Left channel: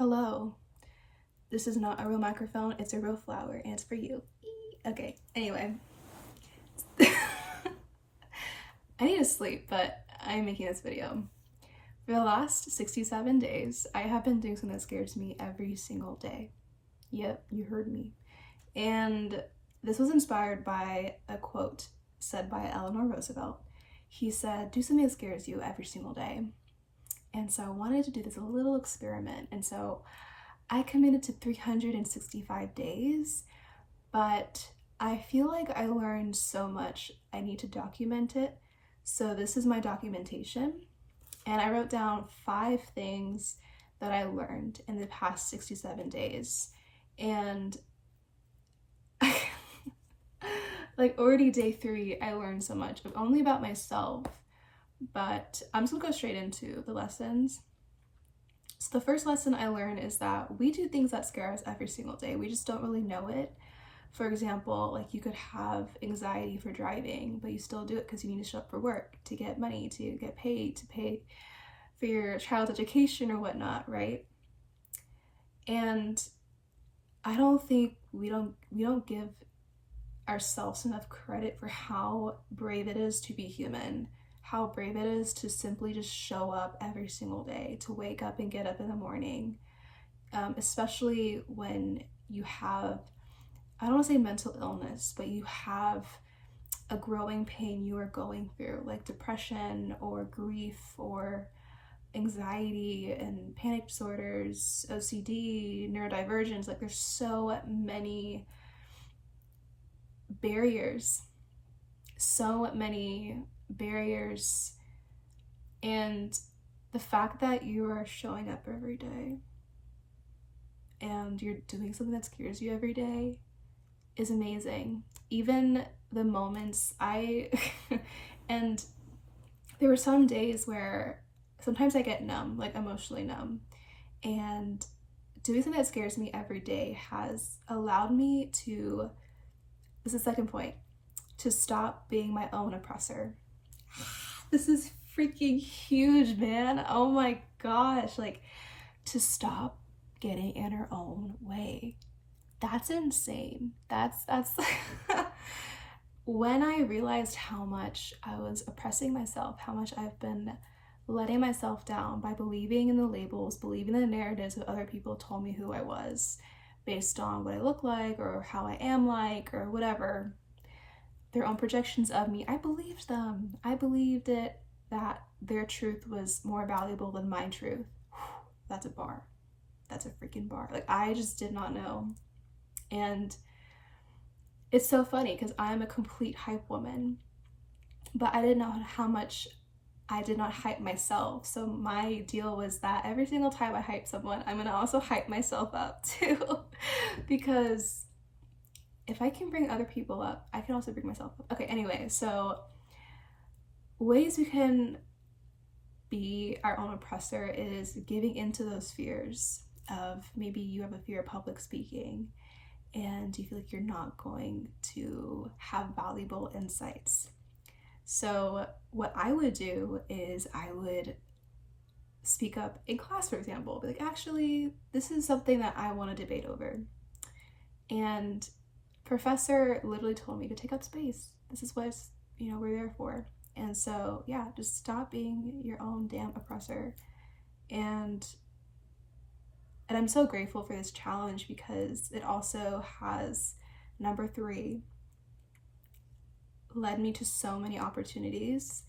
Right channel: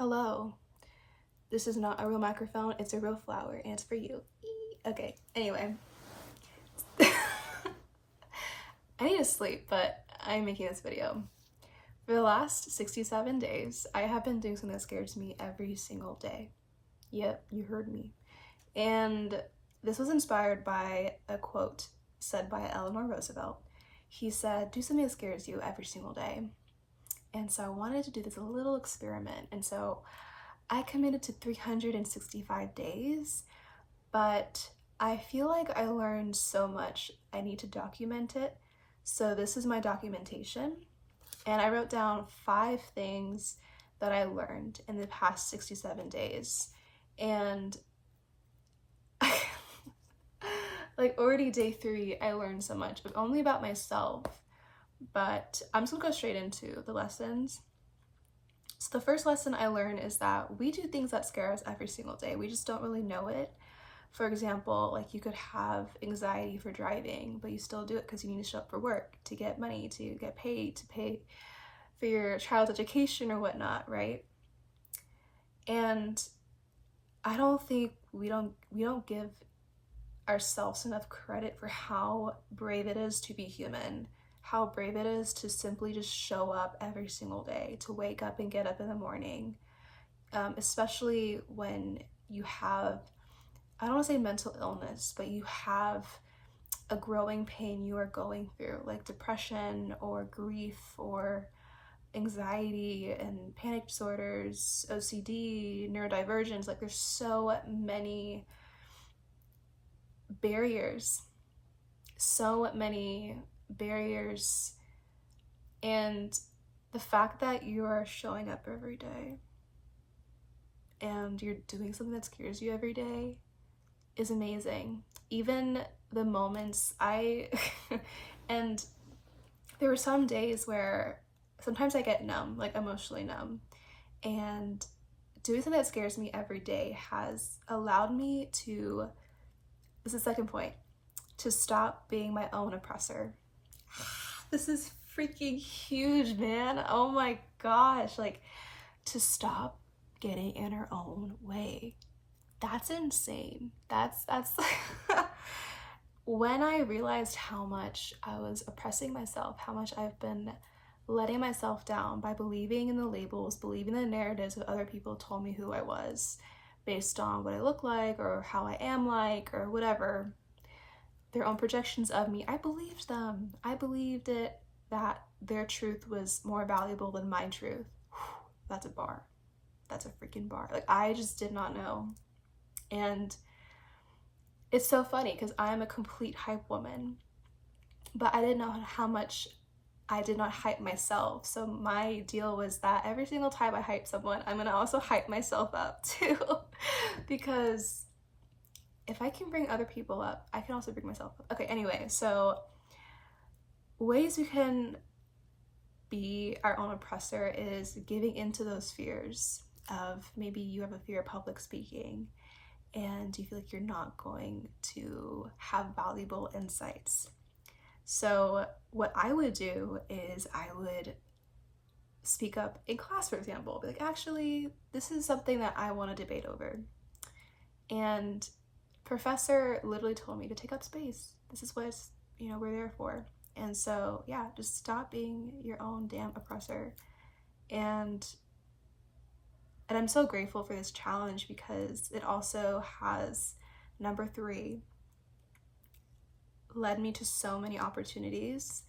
Hello. This is not a real microphone, it's a real flower, and it's for you. Okay, anyway. I need to sleep, but I'm making this video. For the last 67 days, I have been doing something that scares me every single day. Yep, you heard me. And this was inspired by a quote said by Eleanor Roosevelt. He said, do something that scares you every single day. And so I wanted to do this little experiment. And so I committed to 365 days, but I feel like I learned so much I need to document it. So this is my documentation. And I wrote down 5 things that I learned in the past 67 days. And like already day 3, I learned so much, but only about myself. But I'm just gonna go straight into the lessons. So the first lesson I learned is that we do things that scare us every single day. We just don't really know it. For example, like you could have anxiety for driving, but you still do it because you need to show up for work, to get money, to get paid, to pay for your child's education or whatnot, right? And I don't think we don't give ourselves enough credit for how brave it is to be human, how brave it is to simply just show up every single day, to wake up and get up in the morning, especially when you have, I don't want to say mental illness, but you have a growing pain you are going through, like depression or grief or anxiety and panic disorders, OCD, neurodivergence. Like there's so many barriers, and the fact that you are showing up every day and you're doing something that scares you every day is amazing. Even the moments and there were some days where sometimes I get numb, like emotionally numb, and doing something that scares me every day has allowed me to, this is the second point, to stop being my own oppressor. This is freaking huge, man. Oh my gosh, like to stop getting in our own way. That's insane. That's when I realized how much I was oppressing myself, how much I've been letting myself down by believing in the labels, believing the narratives that other people told me who I was based on what I look like or how I am like or whatever, their own projections of me. I believed them. I believed it, that their truth was more valuable than my truth. That's a bar. That's a freaking bar. Like I just did not know. And it's so funny because I'm a complete hype woman, but I didn't know how much I did not hype myself. So my deal was that every single time I hype someone, I'm gonna also hype myself up too. Because if I can bring other people up, I can also bring myself up. Okay, anyway, so ways we can be our own oppressor is giving into those fears of, maybe you have a fear of public speaking and you feel like you're not going to have valuable insights. So what I would do is I would speak up in class, for example, be like, actually, this is something that I want to debate over. And professor literally told me to take up space. This is what we're there for. And so yeah, just stop being your own damn oppressor. And I'm so grateful for this challenge because it also has, number 3, led me to so many opportunities.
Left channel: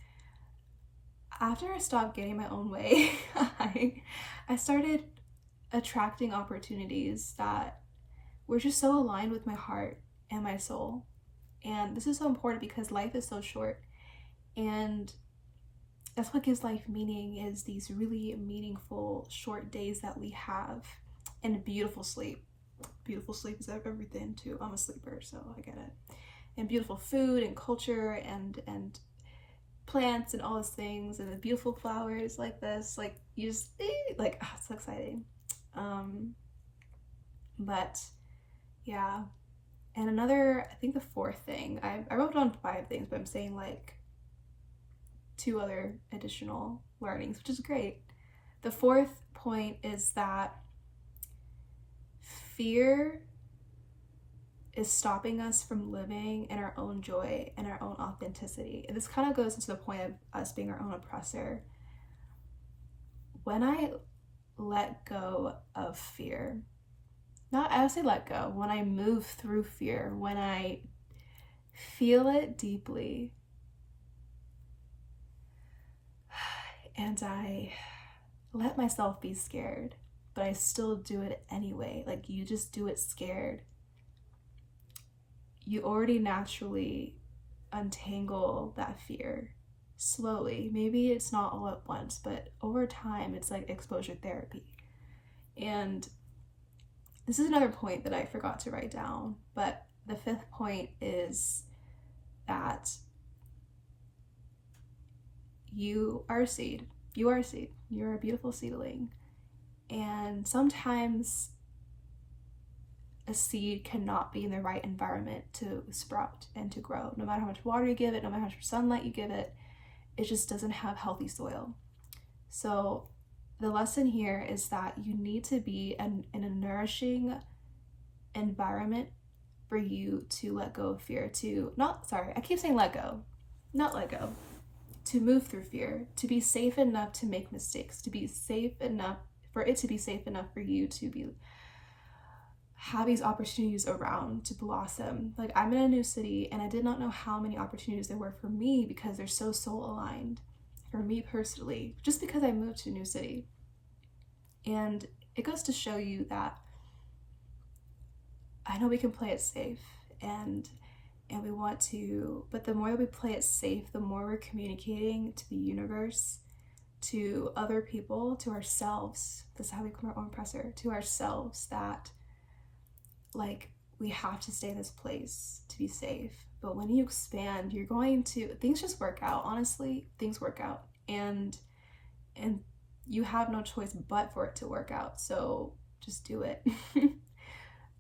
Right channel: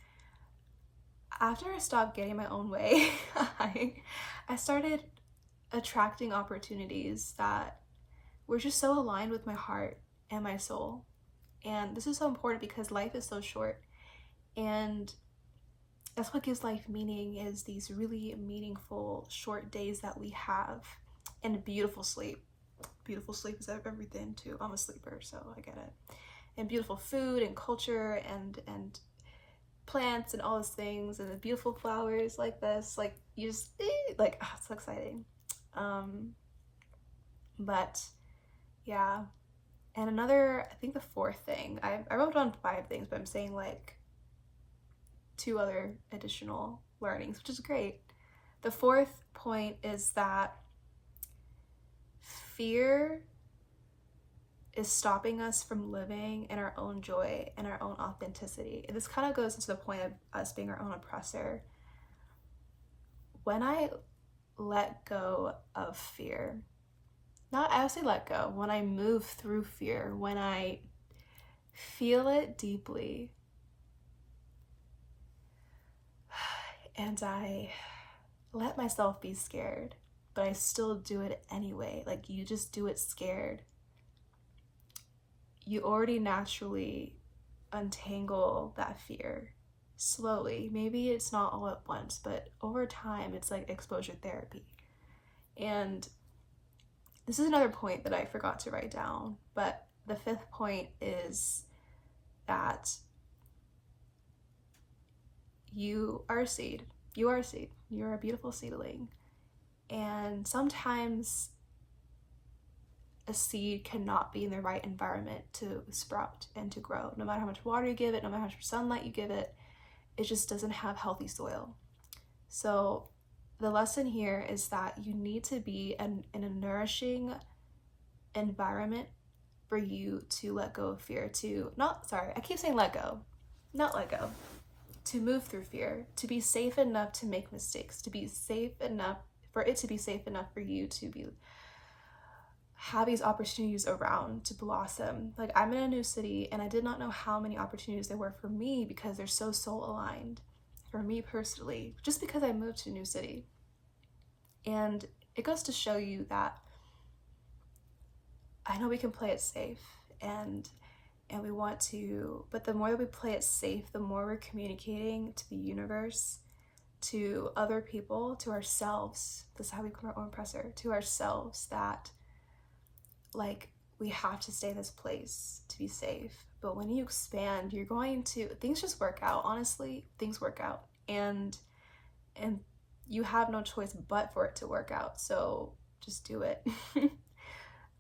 After I stopped getting my own way, I started attracting opportunities that were just so aligned with my heart and my soul. And this is so important because life is so short, and that's what gives life meaning, is these really meaningful short days that we have, and beautiful sleep. Beautiful sleep is everything too. I'm a sleeper, so I get it. And beautiful food and culture and plants and all those things, and the beautiful flowers like this, like you just like, oh, it's so exciting. But yeah. And another, I think the 4th thing, I wrote down 5 things, but I'm saying like 2 other additional learnings, which is great. The 4th point is that fear is stopping us from living in our own joy and our own authenticity. And this kind of goes into the point of us being our own oppressor. When I let go of fear, I would say let go, when I move through fear, when I feel it deeply, and I let myself be scared, but I still do it anyway. Like, you just do it scared. You already naturally untangle that fear slowly. Maybe it's not all at once, but over time, it's like exposure therapy. And this is another point that I forgot to write down, but the 5th point is that you are a seed. You are a seed. You're a beautiful seedling. And sometimes a seed cannot be in the right environment to sprout and to grow. No matter how much water you give it, no matter how much sunlight you give it, it just doesn't have healthy soil. So the lesson here is that you need to be in a nourishing environment for you to let go of fear, to move through fear, to be safe enough to make mistakes, to be safe enough for it to be safe enough for you to have these opportunities around to blossom. Like, I'm in a new city and I did not know how many opportunities there were for me because they're so soul aligned for me personally, just because I moved to a new city. And it goes to show you that I know we can play it safe and we want to, but the more that we play it safe, the more we're communicating to the universe, to other people, to ourselves. This is how we become our own oppressor, to ourselves, that like, we have to stay in this place to be safe. But when you expand, you're going to, things just work out. Honestly, things work out, and you have no choice but for it to work out. So just do it.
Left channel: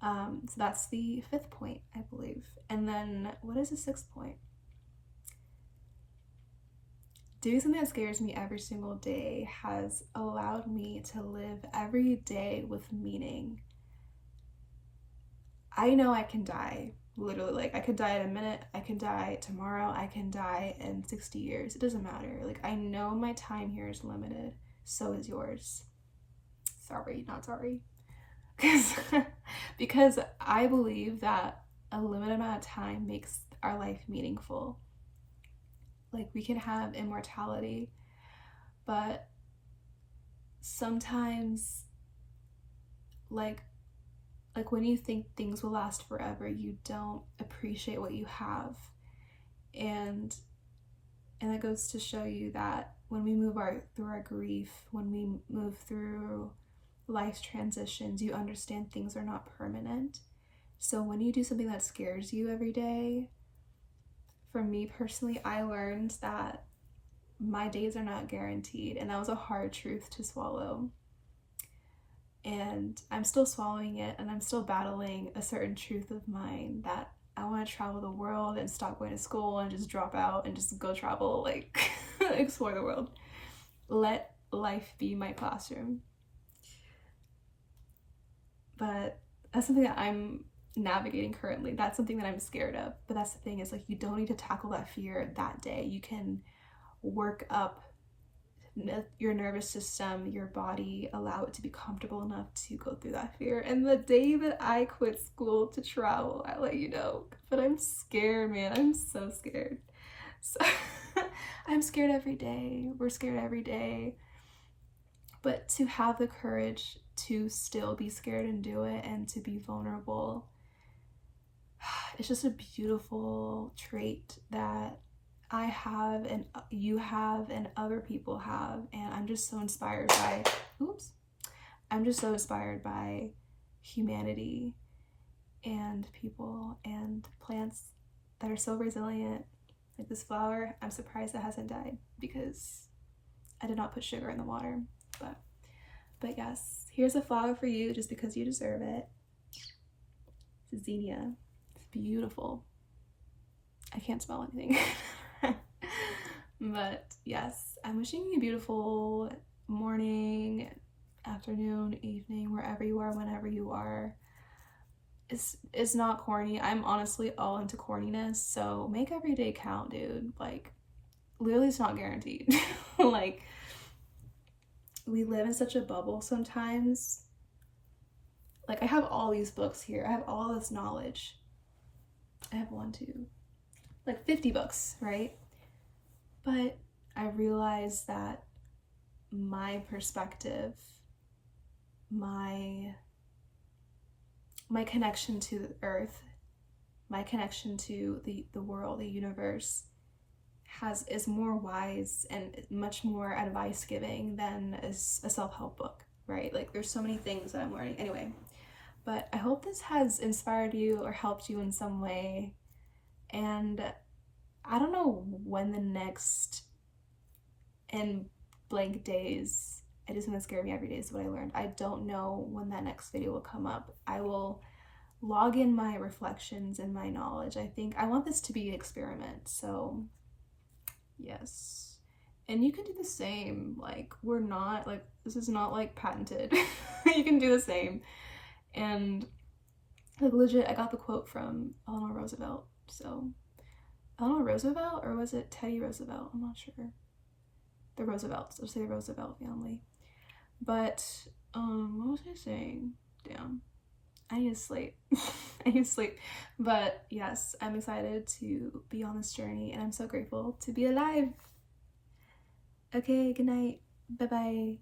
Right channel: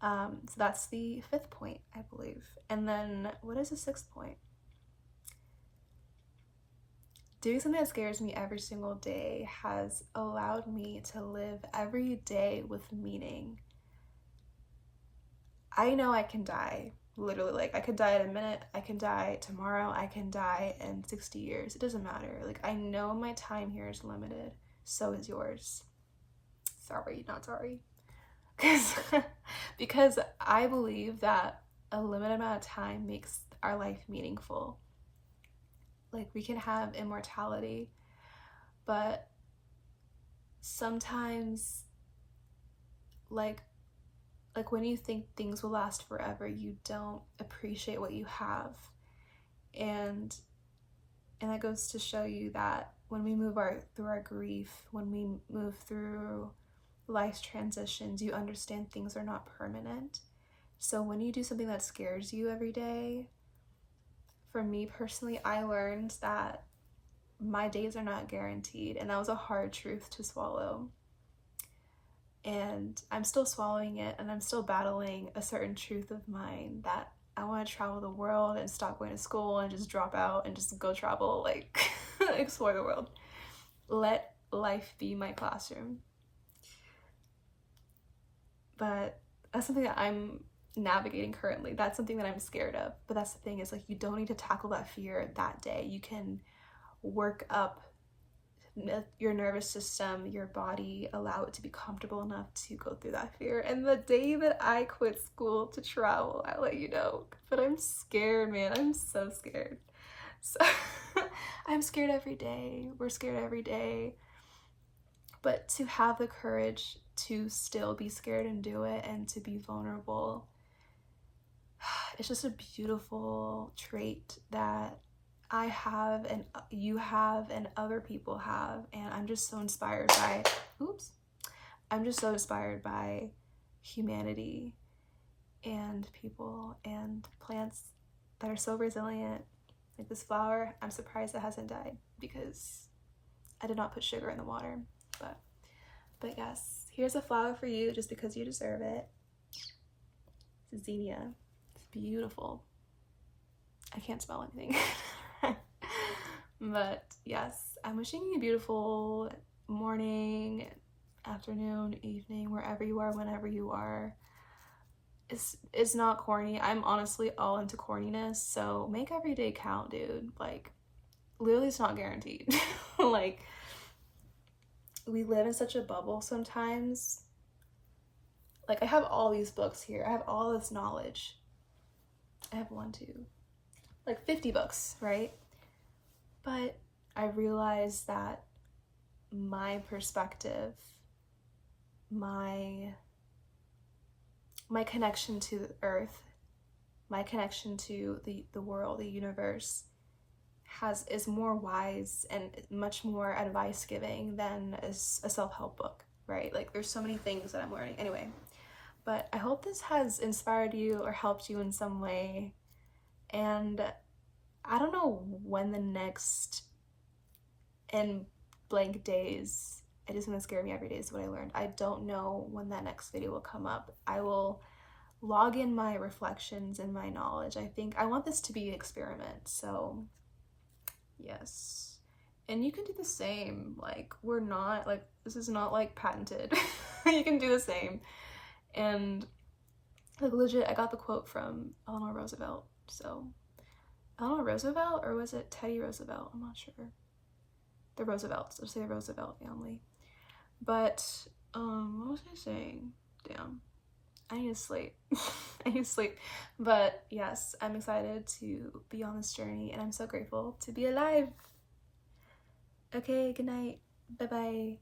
So that's the 5th point, I believe. And then what is the 6th point? Doing something that scares me every single day has allowed me to live every day with meaning. I know I can die, literally. Like, I could die in a minute, I can die tomorrow, I can die in 60 years. It doesn't matter. Like, I know my time here is limited. So is yours. Sorry, not sorry. Because I believe that a limited amount of time makes our life meaningful. Like, we can have immortality, but sometimes, like when you think things will last forever, you don't appreciate what you have. And that goes to show you that when we move through our grief, when we move through life's transitions, you understand things are not permanent. So when you do something that scares you every day, for me personally, I learned that my days are not guaranteed, and that was a hard truth to swallow. And I'm still swallowing it, and I'm still battling a certain truth of mine that I want to travel the world and stop going to school and just drop out and just go travel, like explore the world. Let life be my classroom. But that's something that I'm navigating currently. That's something that I'm scared of. But that's the thing, is like, you don't need to tackle that fear that day. You can work up your nervous system, your body, allow it to be comfortable enough to go through that fear. And the day that I quit school to travel, I'll let you know. But I'm scared, man. I'm so scared. So I'm scared every day. We're scared every day. But to have the courage to still be scared and do it, and to be vulnerable, it's just a beautiful trait that I have, and you have, and other people have. And I'm just so inspired by, humanity and people and plants that are so resilient. Like this flower, I'm surprised it hasn't died because I did not put sugar in the water. But yes, here's a flower for you just because you deserve it. It's a zinnia. It's beautiful. I can't smell anything. But yes, I'm wishing you a beautiful morning, afternoon, evening, wherever you are, whenever you are. it's not corny. I'm honestly all into corniness, so make every day count, dude. Like, literally, it's not guaranteed. Like, we live in such a bubble sometimes. Like, I have all these books here. I have all this knowledge. I have one, two, like 50 books, right? But I realize that my perspective, my connection to the earth, my connection to the world, the universe, is more wise and much more advice giving than a self-help book, right? Like, there's so many things that I'm learning. Anyway, but I hope this has inspired you or helped you in some way. And I don't know when the next in blank days, it is going to scare me every day is what I learned. I don't know when that next video will come up. I will log in my reflections and my knowledge. I want this to be an experiment, so yes. And you can do the same. Like, this is not like patented. You can do the same. And like, legit, I got the quote from Eleanor Roosevelt. So Eleanor Roosevelt, or was it Teddy Roosevelt? I'm not sure. The Roosevelts. I'll say the Roosevelt family. But what was I saying? Damn, I need to sleep. I need to sleep. But yes, I'm excited to be on this journey, and I'm so grateful to be alive. Okay, good night. Bye bye.